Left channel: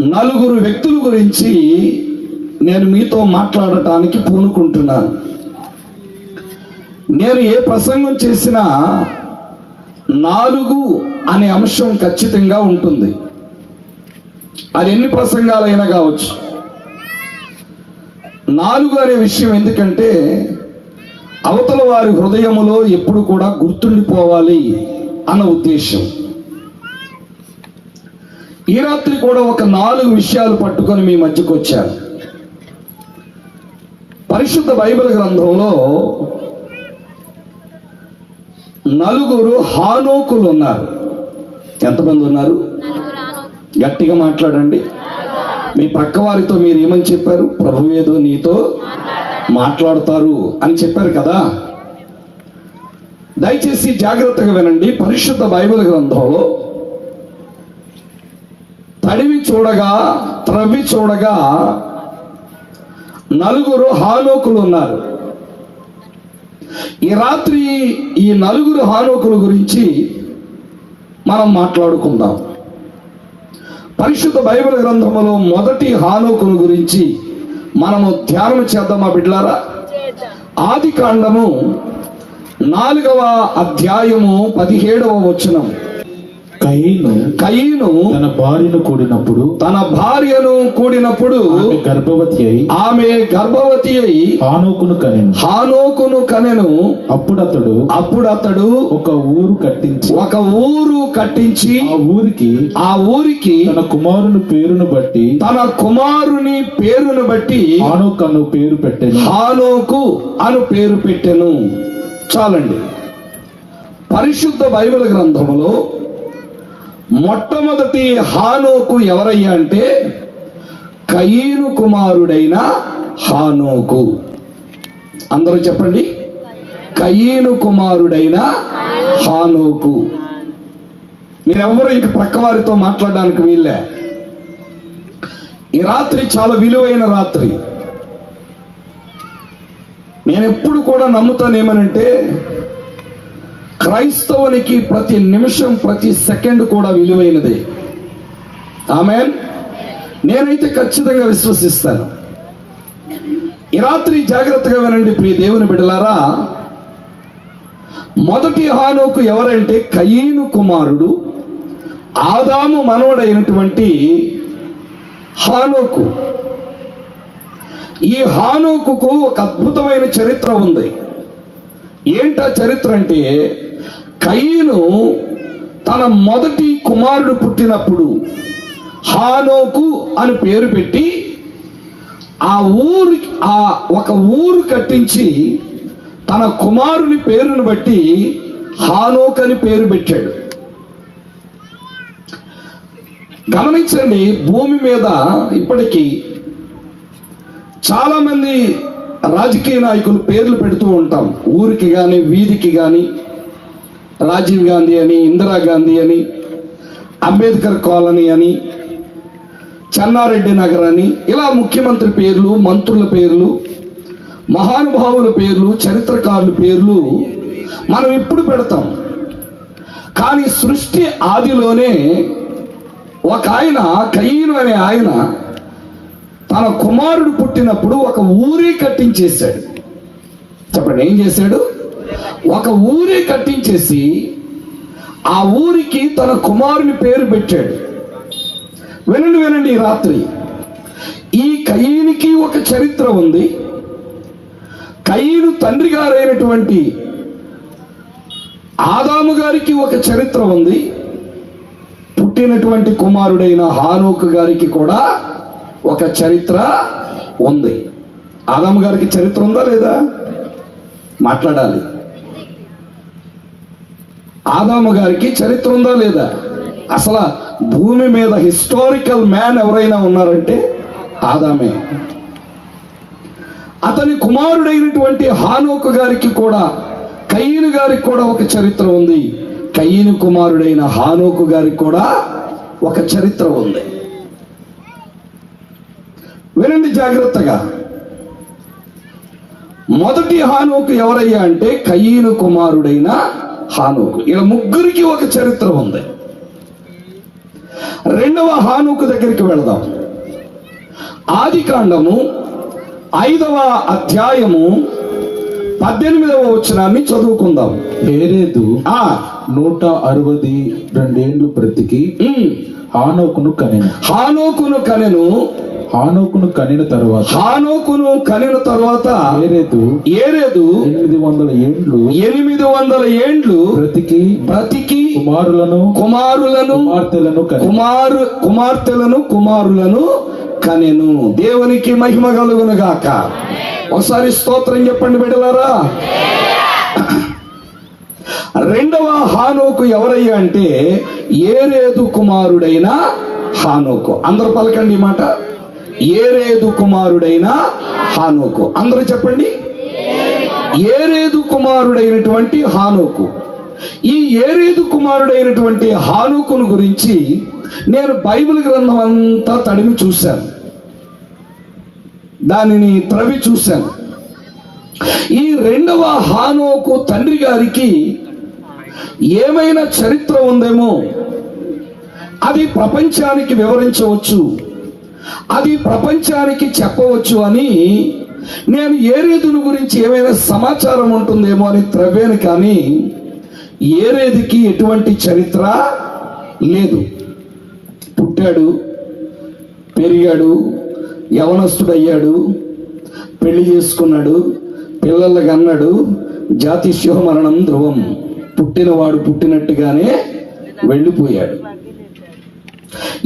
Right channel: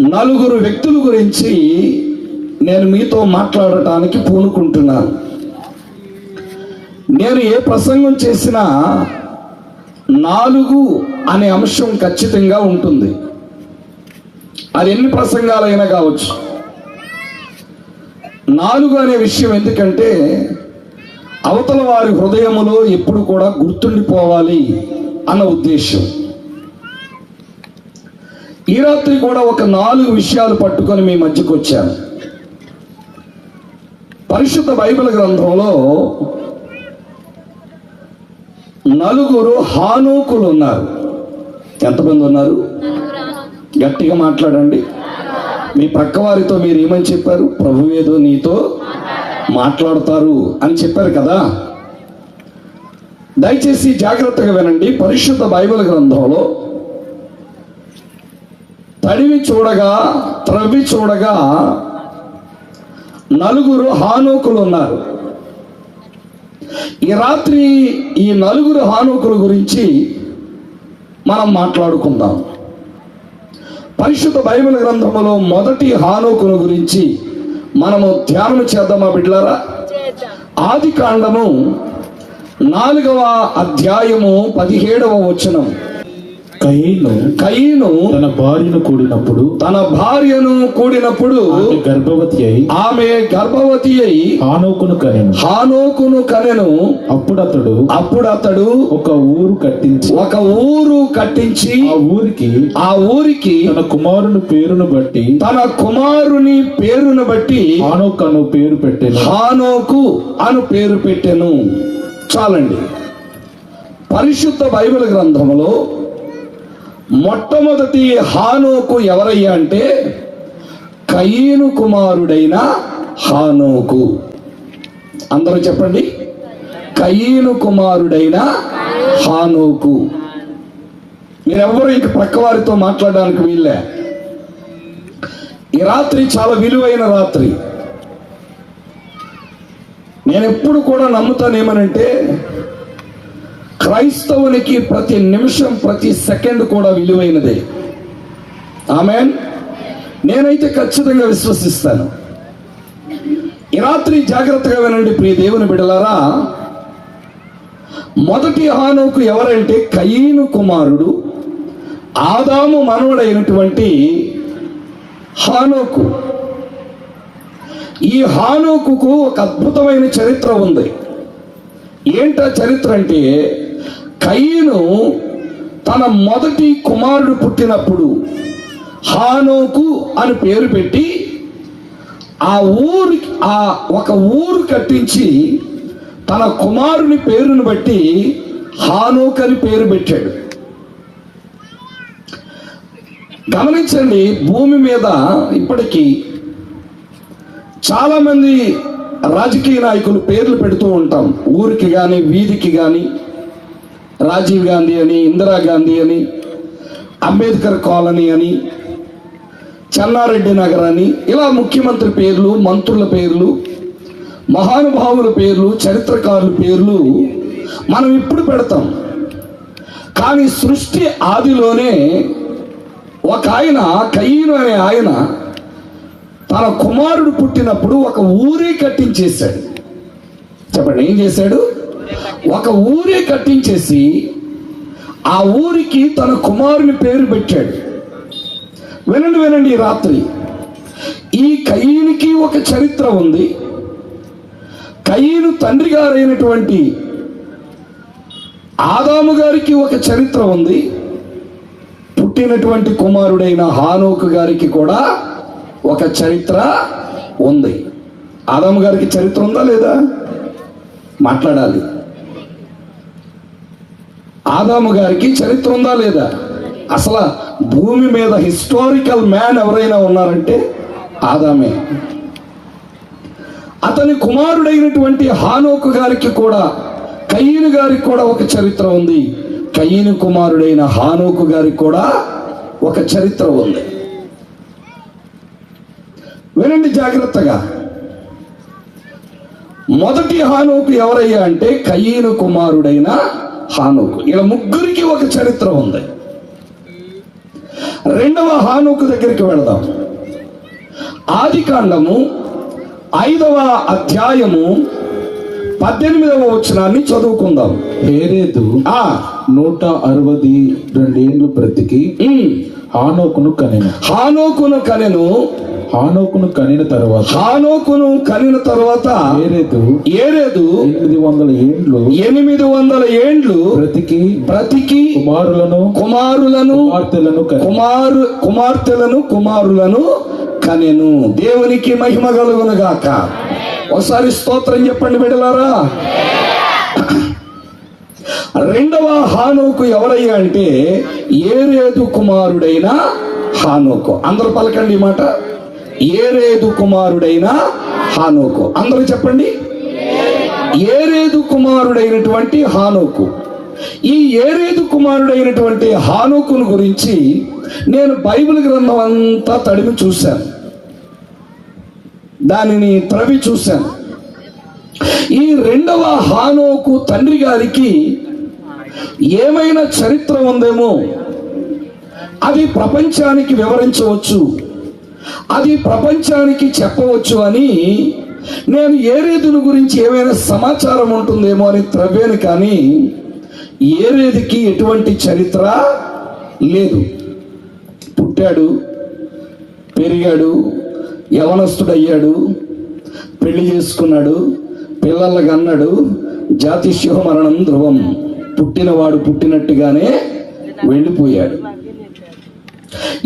నలుగురు వ్యక్తుల గురించి నేను మీతో మాట్లాడటానికి పూనుకుంటున్నాను. నేను ఏ ప్రసంగం చేసినా నాలుగు అనే అంశం ఖచ్చితంగా ఉంటుంది. అది ఎన్ని ప్రసంగాలైనా కావచ్చు. నాలుగు అనే విషయం ఎందుకంటే అవతల వారి హృదయములో ఎప్పుడు కూడా గుర్తుండిపోవాలి అన్న ఉద్దేశం. ఈ రాత్రి కూడా ఒక నాలుగు విషయాలు పట్టుకొని మీ మధ్యకు వచ్చాను. పరిశుద్ధ బైబిల్ గ్రంథంలో నలుగురు హానోకులు ఉన్నారు. ఎంతమంది ఉన్నారు? గట్టిగా మాట్లాడండి. మీ ప్రక్క వారితో మీరు ఏమని చెప్పారు? ప్రభు ఏదో నీతో మాట్లాడతారు అని చెప్పారు కదా. దయచేసి జాగ్రత్తగా వినండి. పరిశుద్ధ బైబిల్ గ్రంథంలో తడివి చూడగా త్రవ్వి చూడగా నలుగురు హానోకులు ఉన్నారు. ఈ రాత్రి ఈ నలుగురు హానోకుల గురించి మనం మాట్లాడుకుందాం. పరిశుద్ధ బైబిల్ గ్రంథంలో మొదటి హానోకుల గురించి మనము ధ్యానం చేద్దామా బిడ్లారా ఆది కాండము నాలుగవ అధ్యాయము పదిహేడవ వచనం. తన భార్యను కూడినప్పుడు తన భార్యను కూడినప్పుడు గర్భవతి అయి ఆమె గర్భవతి అయి ఆనోకును కనెను. హానోకును కనెను. అప్పుడు అతడు అప్పుడు అతడు ఒక ఊరు కట్టించి ఒక ఊరు కట్టించి ఆ ఊరికి ఆ ఊరికి తన కుమారుని పేరును బట్టి తన కుమారుని పేరును బట్టి ఆనోక్ అను పేరు పెట్టెను. హానోకు అను పేరు పెట్టెను. చాలండి. పరిశుద్ధ బైబిల్ గ్రంథములో మొట్టమొదటి హానోకు ఎవరయ్యా అంటే కయీను కుమారుడైన హానోకు. అందరూ చెప్పండి. కయీను కుమారుడైన హానోకు. మీరెవ్వరూ ఇంక పక్క వారితో మాట్లాడడానికి వీళ్ళే ఈ రాత్రి చాలా విలువైన రాత్రి. నేను ఎప్పుడు కూడా నమ్ముతాను ఏమనంటే క్రైస్తవునికి ప్రతి నిమిషం ప్రతి సెకండ్ కూడా విలువైనదే. ఆమె నేనైతే ఖచ్చితంగా విశ్వసిస్తాను. ఈ రాత్రి జాగ్రత్తగా వినండి ప్రియ దేవుని బిడలారా. మొదటి హానోకు ఎవరంటే కయీను కుమారుడు ఆదాము మనవడైనటువంటి హానోకు. ఈ హానోకుకు ఒక అద్భుతమైన చరిత్ర ఉంది. ఏంటా చరిత్ర అంటే కయ్యను తన మొదటి కుమారుడు పుట్టినప్పుడు హానోకు అని పేరు పెట్టి ఆ ఊరు ఆ ఒక ఊరు కట్టించి తన కుమారుని పేరును బట్టి హానోక్ అని పేరు పెట్టాడు. గమనించండి భూమి మీద ఇప్పటికీ చాలామంది రాజకీయ నాయకులు పేర్లు పెడుతూ ఉంటాం. ఊరికి కానీ వీధికి కానీ రాజీవ్ గాంధీ అని ఇందిరాగాంధీ అని అంబేద్కర్ కాలనీ అని చెన్నారెడ్డి నగర్ అని ఇలా ముఖ్యమంత్రి పేర్లు మంత్రుల పేర్లు మహానుభావుల పేర్లు చరిత్రకారుల పేర్లు మనం ఇప్పుడు పెడతాం. కానీ సృష్టి ఆదిలోనే ఒక ఆయన కయ్యను అనే ఆయన తన కుమారుడు పుట్టినప్పుడు ఒక ఊరే కట్టించేశాడు. చెప్పండి ఏం చేశాడు? ఒక ఊరే కట్టించేసి ఆ ఊరికి తన కుమారుని పేరు పెట్టాడు. వినండి వినండి రాత్రి. ఈ కయ్యనికి ఒక చరిత్ర ఉంది. కయ్యను తండ్రి గారైనటువంటి ఆదాము గారికి ఒక చరిత్ర ఉంది. పుట్టినటువంటి కుమారుడైన హానోకు గారికి కూడా ఒక చరిత్ర ఉంది. ఆదాము గారికి చరిత్ర ఉందా లేదా? మాట్లాడాలి. ఆదాము గారికి చరిత్ర ఉందా లేదా? అసలు భూమి మీద హిస్టారికల్ మ్యాన్ ఎవరైనా ఉన్నారంటే ఆదామే. అతని కుమారుడైనటువంటి హానోకు గారికి కూడా కయ్యను గారికి కూడా ఒక చరిత్ర ఉంది. కయ్యను కుమారుడైన హానోకు గారికి కూడా ఒక చరిత్ర ఉంది. వినండి జాగ్రత్తగా. మొదటి హానోకు ఎవరయ్యా అంటే కయ్యను కుమారుడైన హానోకు. ఇలా ముగ్గురికి ఒక చరిత్ర ఉంది. రెండవ హానుకు దగ్గరికి వెళదాం. ఆది కాండము ఐదవ అధ్యాయము పద్దెనిమిదవ వచనాన్ని చదువుకుందాం. హేరేదు ఆ. నూట అరవది రెండేండ్లు బ్రతికి. హానోకును కనిన. హానోకును కనెను. హానోకును కనిన తరువాత హానోకును కనిన తర్వాత హేరేదు ఏరేదు ఎనిమిది వందల ఏండ్లు ఎనిమిది వందల ఏండ్లు బ్రతికి బ్రతికి కుమారులను కుమారులను కుమార్తెలను కుమారు కుమార్తెలను కుమారులను కనెను. దేవునికి మహిమ కలుగును గాక. ఒకసారి స్తోత్రం చెప్పండి బిడ్డలారా. రెండవ హానోకు ఎవరయ్యా అంటే ఏరేదు కుమారుడైన హానోకు. అందరూ పలకండి మాట. ఏరేదు కుమారుడైన హానోకు. అందరూ చెప్పండి. ఏరేదు కుమారుడైనటువంటి హానోకు. ఈ ఏరేదు కుమారుడైనటువంటి హానుకును గురించి నేను బైబిల్ గ్రంథం అంతా తడివి చూశాను. దానిని త్రవి చూశాను. ఈ రెండవ హానోకు తండ్రి గారికి ఏమైనా చరిత్ర ఉందేమో అది ప్రపంచానికి వివరించవచ్చు. అది ప్రపంచానికి చెప్పవచ్చు అని నేను ఏరేదుని గురించి ఏమైనా సమాచారం ఉంటుందేమో అని త్రవ్వాను కానీ ఏరేదికి ఎటువంటి చరిత్ర లేదు. పుట్టాడు పెరిగాడు యవనస్తుడయ్యాడు పెళ్ళి చేసుకున్నాడు పిల్లలకు అన్నాడు జాతి శివమరణం ధ్రువం. పుట్టినవాడు పుట్టినట్టుగానే వెళ్ళిపోయాడు.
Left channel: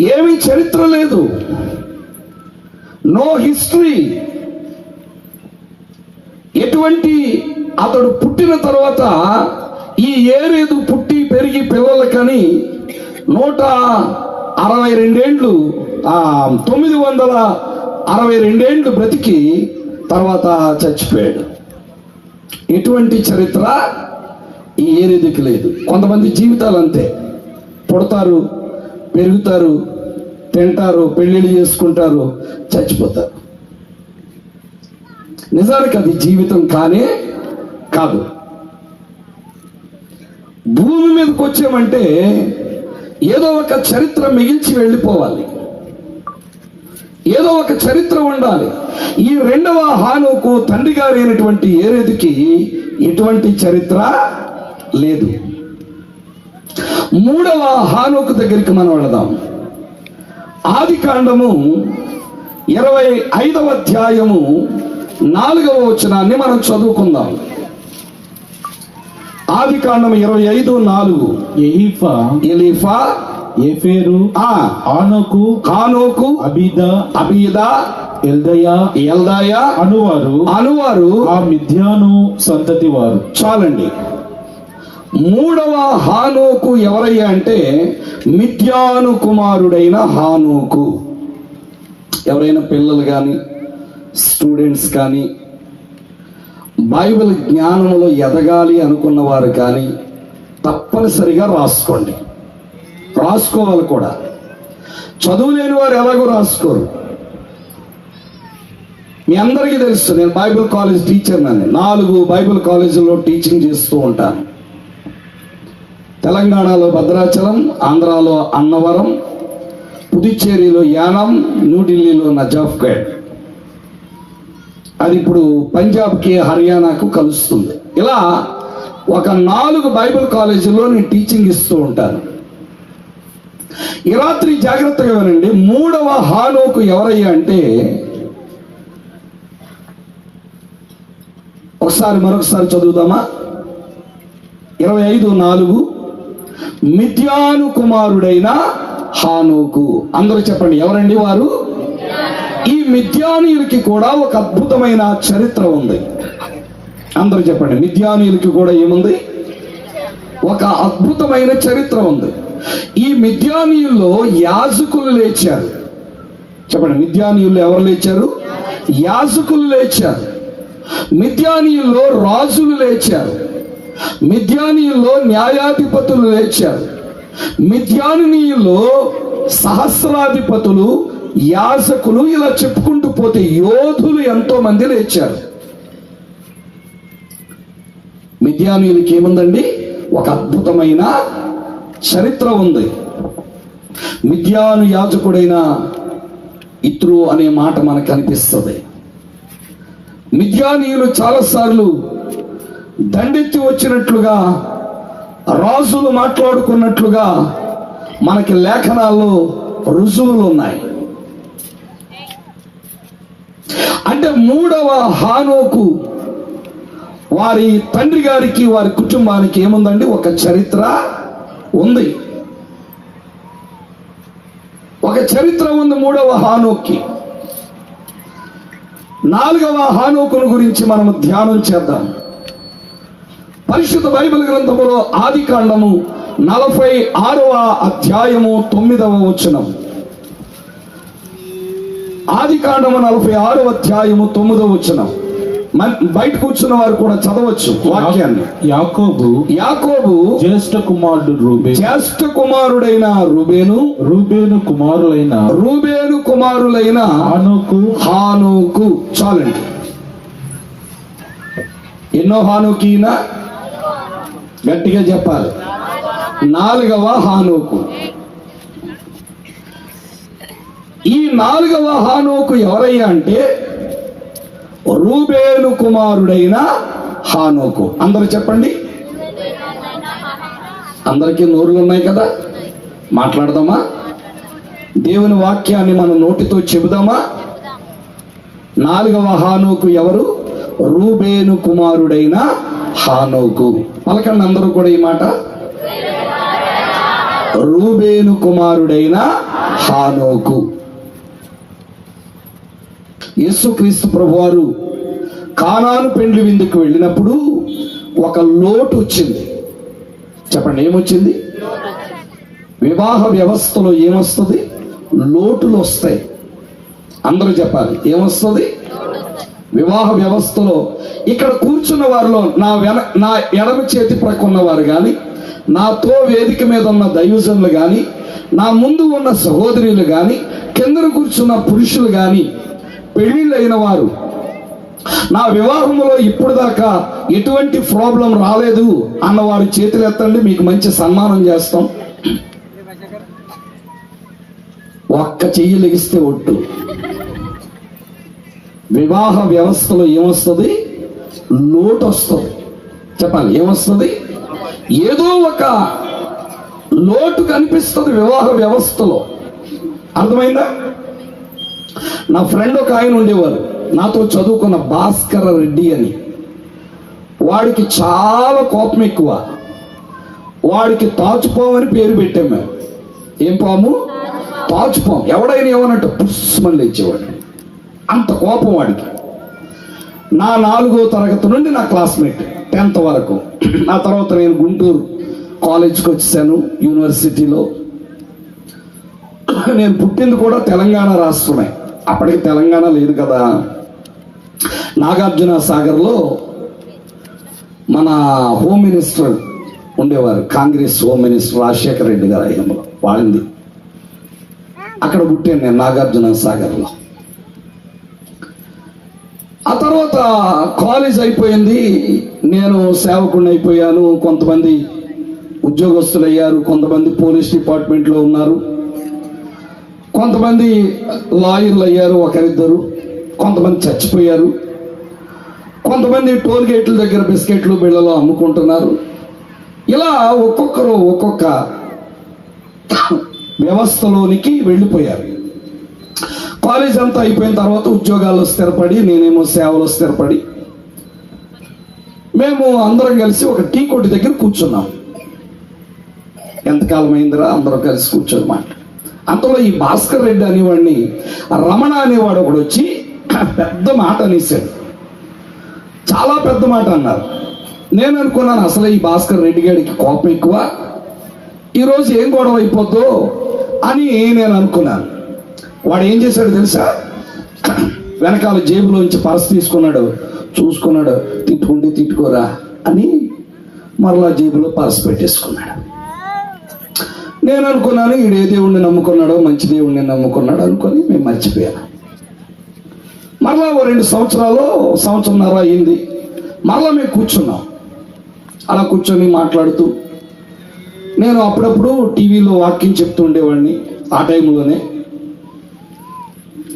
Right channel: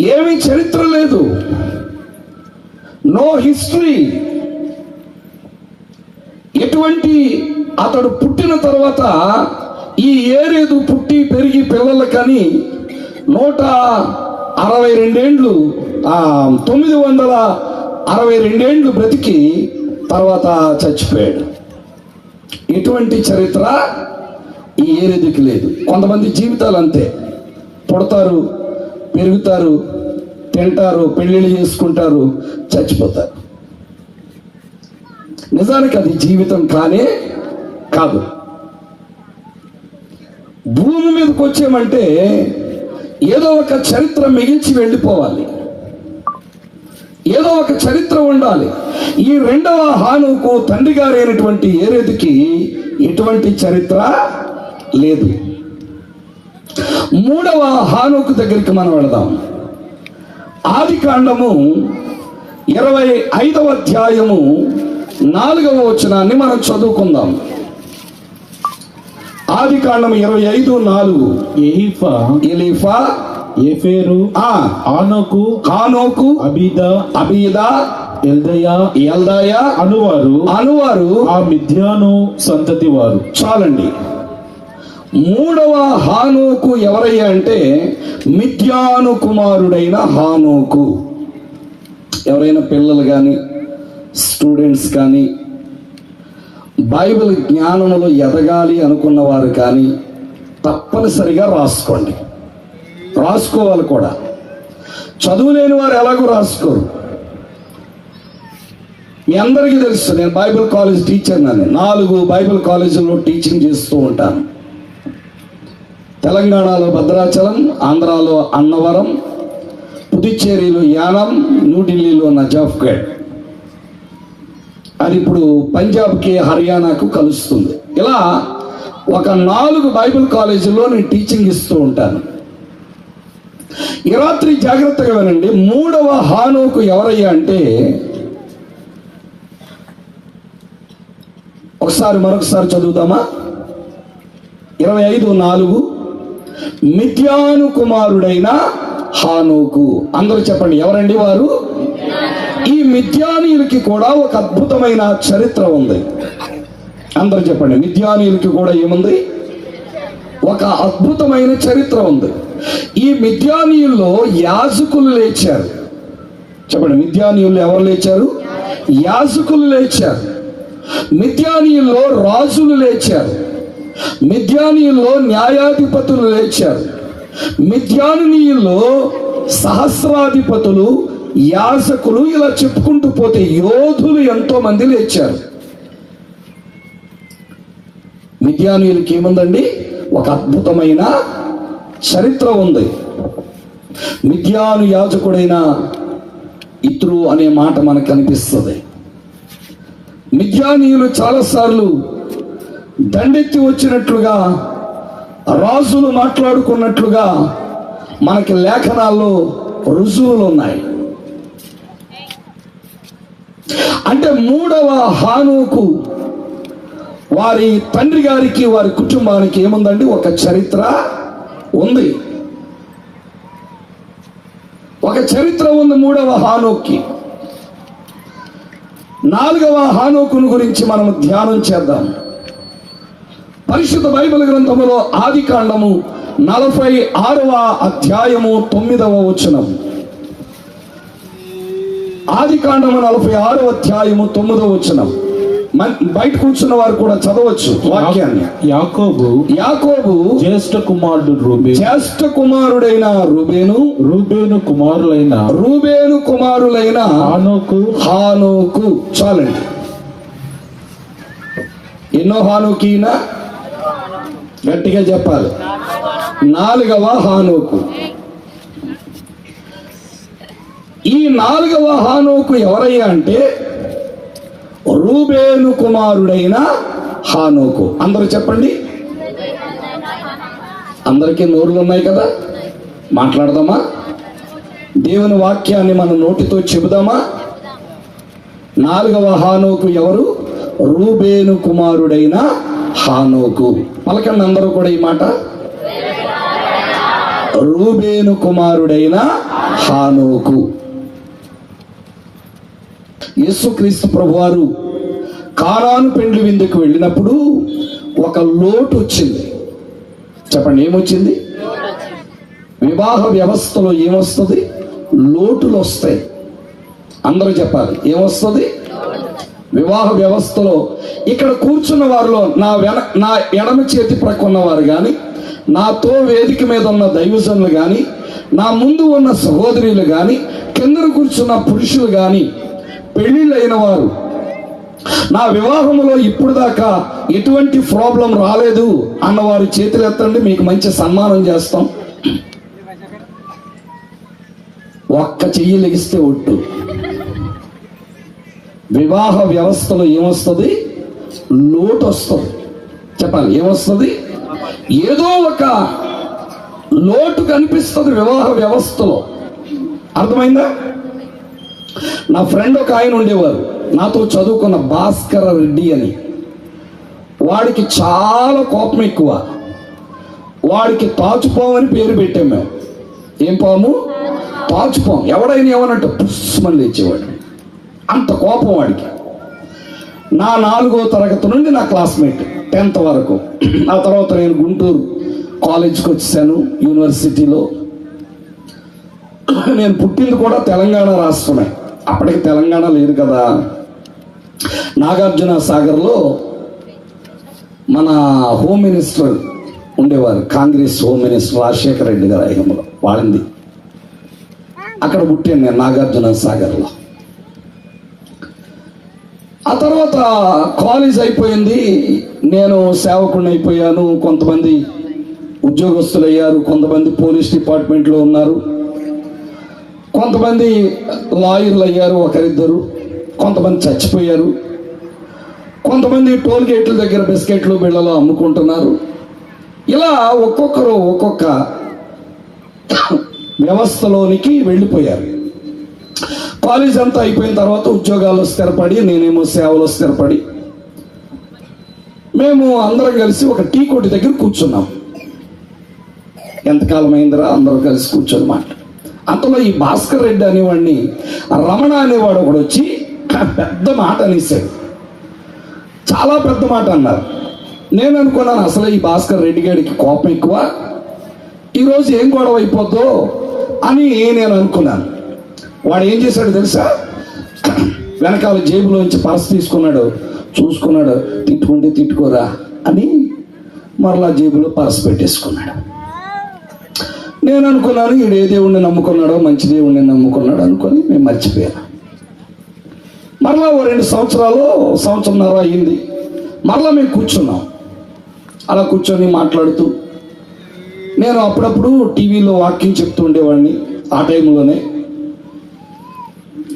ఏమీ చరిత్ర లేదు. No history. ఎటువంటి అతడు పుట్టిన తర్వాత ఈ ఏరేదు పుట్టి పెరిగి పిల్లలకని నూట అరవై రెండేండ్లు తొమ్మిది వందల అరవై రెండేండ్లు బ్రతికి తర్వాత చచ్చిపోయాడు. ఎటువంటి చరిత్ర ఈ ఏరేదికి లేదు. కొంతమంది జీవితాలు అంతే. పుడతారు పెరుగుతారు తింటారు పెళ్ళిళ్ళు చేసుకుంటారు చచ్చిపోతారు. నిజానికి అది జీవితం కానే కాదు. భూమి మీదకి వచ్చామంటే ఏదో ఒక చరిత్ర మిగిల్చి వెళ్ళిపోవాలి. ఏదో ఒక చరిత్ర ఉండాలి. ఈ రెండవ హానుకు తండ్రి గారైనటువంటి ఏరేదికి ఎటువంటి చరిత్ర లేదు. మూడవ హానుకు దగ్గరికి మనం వెళదాం. ఆది కాండము ఇరవై ఐదవ అధ్యాయము నాలుగవ వచనాన్ని మనం చదువుకుందాం. ఆది కాండం ఇరవై ఐదు నాలుగు. ఎలీఫా ఎఫేరు ఆ ఆనోకు కానోకు అబీద అబీదా ఎల్దయా ఎల్దాయ అనువారు అనువారు ఆ మిథ్యాను సంతతి వారు చాలండి. మూడవ హానోకు ఎవరయ్యా అంటే మిథ్యాను కుమారుడైన హానోకు. ఎవరైనా పిల్లలు కానీ స్టూడెంట్స్ కానీ బైబిల్ జ్ఞానంలో ఎదగాలి అనుకున్నవారు కానీ తప్పనిసరిగా రాసుకోండి. రాసుకోవాలి కూడా. చదువులేని వారు ఎలాగో రాసుకోరు. మీ అందరికీ తెలుసు నేను బైబిల్ కాలేజ్ టీచర్ నన్ను నాలుగు బైబిల్ కాలేజీలో టీచింగ్ చేస్తూ ఉంటాను. తెలంగాణలో భద్రాచలం ఆంధ్రాలో అన్నవరం పుదుచ్చేరిలో యానం న్యూఢిల్లీలో నజాఫ్గఢ్ అది ఇప్పుడు పంజాబ్కి హర్యానాకు కలుస్తుంది. ఇలా ఒక నాలుగు బైబిల్ కాలేజీలో నేను టీచింగ్ ఇస్తూ ఉంటాను ఈ రాత్రి జాగ్రత్తగా వినండి మూడవ హానోకు ఎవరయ్యా అంటే ఒకసారి మరొకసారి చదువుదామా ఇరవై ఐదు నాలుగు మిథ్యాను కుమారుడైన హానోకు. అందరూ చెప్పండి ఎవరండి వారు? ఈ మిథ్యానీయులకి కూడా ఒక అద్భుతమైన చరిత్ర ఉంది. అందరూ చెప్పండి మిథ్యానీయులకి కూడా ఏముంది? ఒక అద్భుతమైన చరిత్ర ఉంది. ఈ మిథ్యానీయుల్లో యాజకులు లేచారు. చెప్పండి మిథ్యానీయుల్లో ఎవరు లేచారు? యాజకులు లేచారు. మిథ్యానీయుల్లో రాజులు లేచారు. మిద్యానీయుల్లో న్యాయాధిపతులు లేచారు. మిథ్యానీయుల్లో సహస్రాధిపతులు యాసకులు ఇలా చెప్పుకుంటూ పోతే యోధులు ఎంతో మంది లేచారు. మిద్యానీయులకి ఏముందండి? ఒక అద్భుతమైన చరిత్ర ఉంది. మిద్యాను యాజకుడైన ఇత్రు అనే మాట మనకు కనిపిస్తుంది మిద్యానీయులు చాలాసార్లు దండెత్తి వచ్చినట్లుగా రాజులు మాట్లాడుకున్నట్లుగా మనకి లేఖనాల్లో రుజువులు ఉన్నాయి అంటే మూడవ హానుకు వారి తండ్రి గారికి వారి కుటుంబానికి ఏముందండి? ఒక చరిత్ర ఉంది. ఒక చరిత్ర ఉంది మూడవ హానోక్కి. నాలుగవ హానోకును గురించి మనం ధ్యానం చేద్దాం. పరిశుద్ధ బైబిల్ గ్రంథములో ఆది కాండము నలభై ఆరవ అధ్యాయము తొమ్మిదవ వచనం. ఆది కాండము నలభై ఆరవ అధ్యాయము తొమ్మిదవ వచనం. బయట కూర్చున్న వారు కూడా చదవచ్చు వాక్యాన్ని. యాకోబు యాకోబు జ్యేష్ఠ కుమారుడు రూబే జ్యేష్ఠ కుమారుడైన రుబేను. రూబేను కుమారులైన రూబేను కుమారులైన ఆనోకు హానుకు. చాలండి. ఎన్నో హానుకీన? గట్టిగా చెప్పాలి. నాలుగవ హానోకు. ఈ నాలుగవ హానోకు ఎవరయ్యా అంటే రూబేను కుమారుడైన హానోకు. అందరూ చెప్పండి. అందరికీ నోరులు ఉన్నాయి కదా? మాట్లాడదామా? దేవుని వాక్యాన్ని మన నోటితో చెబుదామా? నాలుగవ హానోకు ఎవరు? రూబేను కుమారుడైన హానోకు పలకండి అందరూ కూడా ఈ మాట. రూబేను కుమారుడైన హానోకు యేసుక్రీస్తు ప్రభువారు కానాను పెండ్లి విందుకు వెళ్ళినప్పుడు ఒక లోటు వచ్చింది. చెప్పండి ఏమొచ్చింది? వివాహ వ్యవస్థలో ఏమొస్తుంది? లోటులు వస్తాయి. అందరూ చెప్పాలి ఏమొస్తుంది? వివాహ వ్యవస్థలో ఇక్కడ కూర్చున్న వారిలో నా వెన నా ఎడమ చేతి ప్రక్క ఉన్నవారు కానీ నాతో వేదిక మీద ఉన్న దైవజనులు కానీ నా ముందు ఉన్న సహోదరులు కానీ కిందన కూర్చున్న పురుషులు కానీ పెళ్ళిళ్ళైన వారు నా వివాహంలో ఇప్పుడు దాకా ఎటువంటి ప్రాబ్లం రాలేదు అన్నవారు చేతులు ఎత్తండి మీకు మంచి సన్మానం చేస్తాం. ఒక్క చెయ్యి లెగిస్తే ఒట్టు. వివాహ వ్యవస్థలో ఏమొస్తుంది? లోటు వస్తుంది చెప్పాలి ఏమొస్తుంది? ఏదో ఒక లోటు కనిపిస్తుంది వివాహ వ్యవస్థలో. అర్థమైందా? నా ఫ్రెండ్ ఒక ఆయన ఉండేవారు. నాతో చదువుకున్న భాస్కర రెడ్డి అని. వాడికి చాలా కోపం ఎక్కువ. వాడికి తాచుపాము అని పేరు పెట్టాం మేము. ఏం పాము? తాచుపాము. ఎవడైనా ఏమన్నట్టు పుష్మని లేచేవాడు అంత కోపం వాడికి. నా నాలుగో తరగతి నుండి నా క్లాస్మేట్ టెన్త్ వరకు. ఆ తర్వాత నేను గుంటూరు కాలేజ్కి వచ్చాను యూనివర్సిటీలో నేను పుట్టింది కూడా తెలంగాణ రాష్ట్రమే. అప్పటికి తెలంగాణ లేదు కదా. నాగార్జున సాగర్లో మన హోమ్ మినిస్టర్ ఉండేవారు కాంగ్రెస్ హోమ్ మినిస్టర్ రాజశేఖర రెడ్డి గారు అయ్యంలో వాడింది. అక్కడ పుట్టాను నేను నాగార్జున సాగర్లో. ఆ తర్వాత కాలేజ్ అయిపోయింది. నేను సేవకుడిని అయిపోయాను కొంతమంది ఉద్యోగస్తులు అయ్యారు కొంతమంది పోలీస్ డిపార్ట్మెంట్లో ఉన్నారు. కొంతమంది లాయర్లు అయ్యారు ఒకరిద్దరు. కొంతమంది చచ్చిపోయారు. కొంతమంది టోల్ గేట్ల దగ్గర బిస్కెట్లు బిళ్ళలు అమ్ముకుంటున్నారు. ఇలా ఒక్కొక్కరు ఒక్కొక్క వ్యవస్థలోనికి వెళ్ళిపోయారు. కాలేజ్ అంతా అయిపోయిన తర్వాత ఉద్యోగాలు స్థిరపడి నేనేమో సేవలో స్థిరపడి మేము అందరం కలిసి ఒక టీ కొట్టి దగ్గర కూర్చున్నాం. ఎంతకాలం అయిందిరా అందరూ కలిసి కూర్చోమాట అంతలో ఈ భాస్కర్ రెడ్డి అనేవాడిని రమణ అనేవాడు ఒకడు వచ్చి పెద్ద మాట అనేసాడు చాలా పెద్ద మాట అన్నారు. నేను అనుకున్నాను అసలు ఈ భాస్కర్ రెడ్డి గారికి కోపం ఎక్కువ. ఈరోజు ఏం గొడవ అయిపోద్దో అని నేను అనుకున్నాను. వాడు ఏం చేశాడు తెలుసా? వెనకాల జేబులోంచి పర్స్ తీసుకున్నాడు. చూసుకున్నాడు తిట్టుకుంటే తిట్టుకోరా అని మరలా జేబులో పర్స్ పెట్టేసుకున్నాడు. నేను అనుకున్నాను ఈడు ఏ దేవుణ్ణి నమ్ముకున్నాడో మంచి దేవుణ్ణి నమ్ముకున్నాడు అనుకొని మేము మర్చిపోయాను. మరలా ఓ రెండు సంవత్సరాలు సంవత్సరంన్నర అయింది. మరలా మేము కూర్చున్నాం. అలా కూర్చొని మాట్లాడుతూ నేను అప్పుడప్పుడు టీవీలో వాక్యం చెప్తూ ఉండేవాడిని ఆ టైంలోనే.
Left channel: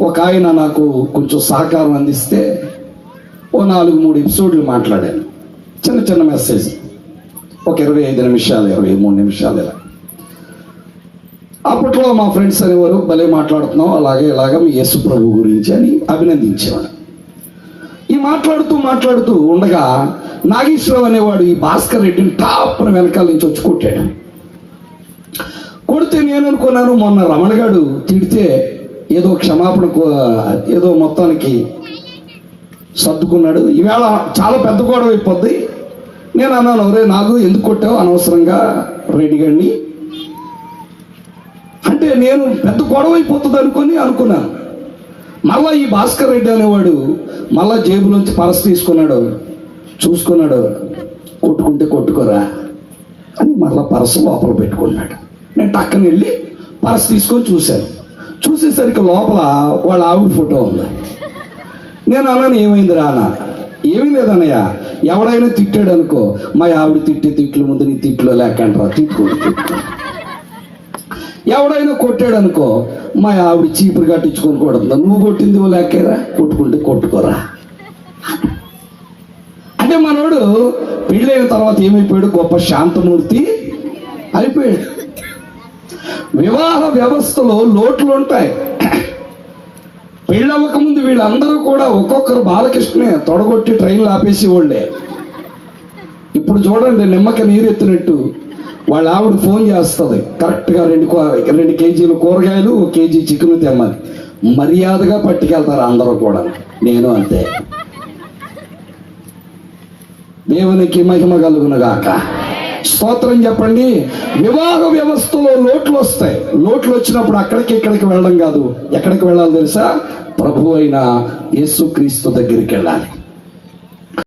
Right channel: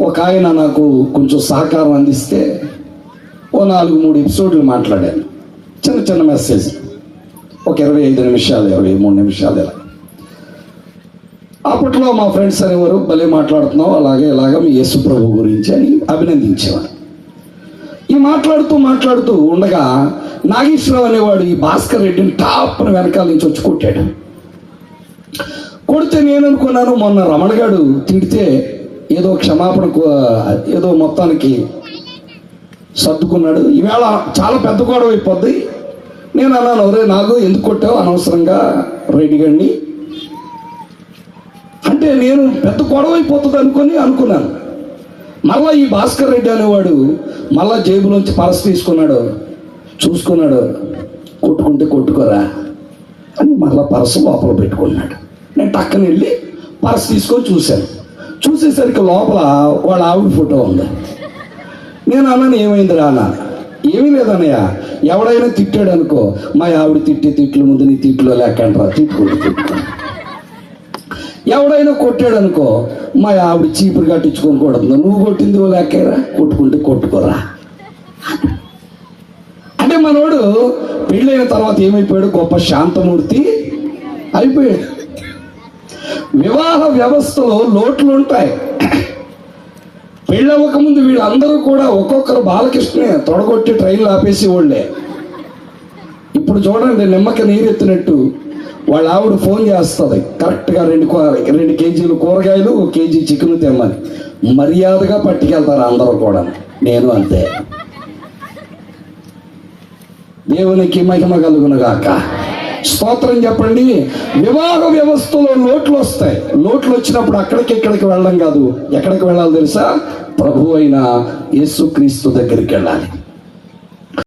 ఒక ఆయన నాకు కొంచెం సహకారం అందిస్తే ఓ నాలుగు మూడు ఎపిసోడ్లు మాట్లాడాను. చిన్న చిన్న మెసేజ్. ఒక ఇరవై ఐదు నిమిషాలు ఇరవై మూడు నిమిషాలు ఇలా. అప్పట్లో మా ఫ్రెండ్స్ అనేవారు భలే మాట్లాడుతున్నావు అలాగే ఇలాగా మీ యేసు ప్రభు గురించి అని అభినందించేవారు. ఈ మాట్లాడుతూ మాట్లాడుతూ ఉండగా నాగేశ్వరరావు అనేవాడు ఈ భాస్కర్ రెడ్డిని టాప్ను వెనకాల నుంచి వచ్చి కొట్టాడు. కొడితే నేను అనుకున్నాను మొన్న రమణగాడు తిడితే క్షమాపణ ఏదో మొత్తానికి సర్దుకున్నాడు. ఈవేళ చాలా పెద్ద గొడవ అయిపోద్ది. నేను అన్నాను ఎవరే నాకు ఎందుకు కొట్టావు? అనవసరంగా రెడ్డి గారిని. అంటే నేను పెద్ద గొడవ అయిపోతుంది అనుకుని అనుకున్నాను. మళ్ళా ఈ భాస్కర్ రెడ్డి అనేవాడు మళ్ళా జేబులోంచి పరస తీసుకున్నాడు. చూసుకున్నాడు కొట్టుకుంటే కొట్టుకోరా అని మళ్ళా పరస లోపల పెట్టుకున్నాడు. నేను టక్కన వెళ్ళి పరస తీసుకొని చూశాను. చూసేసరికి లోపల వాళ్ళ ఆవిడ ఫోటో ఉంది. నేను అన్నాను ఏమైంది రా అన్న? ఏమీ లేదన్నయ్య. ఎవడైనా తిట్టాడు అనుకో. మా ఆవిడ తిట్టే తిట్లు ముందు నీ తిట్లు లేకంటారా తిట్టుకోండి ఎవడైనా కొట్టాడు అనుకో మా ఆవిడ చీపురు కట్టించుకొని కొడుతుంది. నువ్వు కొట్టింది ఓ లెక్కేరా? కొట్టుకుంటే కొట్టుకోరా. అంటే మనోడు పెళ్ళైన తర్వాత ఏమైపోయాడు? గొప్ప శాంతమూర్తి అయిపోయాడు. వివాహ వ్యవస్థలో లోట్లు ఉంటాయి. పెళ్ళవ్వక ముందు వీళ్ళందరూ కూడా ఒక్కొక్కరు బాలకృష్ణే తొడగొట్టి ట్రైన్లు ఆపేసి వాళ్ళే ఇప్పుడు చూడండి నిమ్మక నీరెత్తినట్టు వాళ్ళ ఆవిడ ఫోన్ చేస్తుంది. కరెక్ట్గా రెండు రెండు కేజీలు కూరగాయలు ఒక కేజీ చికెన్ తెమ్మని. మర్యాదగా పట్టుకెళ్తారు అందరూ కూడా. నేను అంతే. దేవునికి మహిమ కలుగునగాక. స్తోత్రం చెప్పండి. వివాహ వ్యవస్థలో లోట్లు వస్తాయి లోట్లు వచ్చినప్పుడు అక్కడికి ఇక్కడికి వెళ్ళడం కాదు. ఎక్కడికి వెళ్ళాలి తెలుసా? ప్రభు అయిన యేసుక్రీస్తు దగ్గరికి వెళ్ళాలి.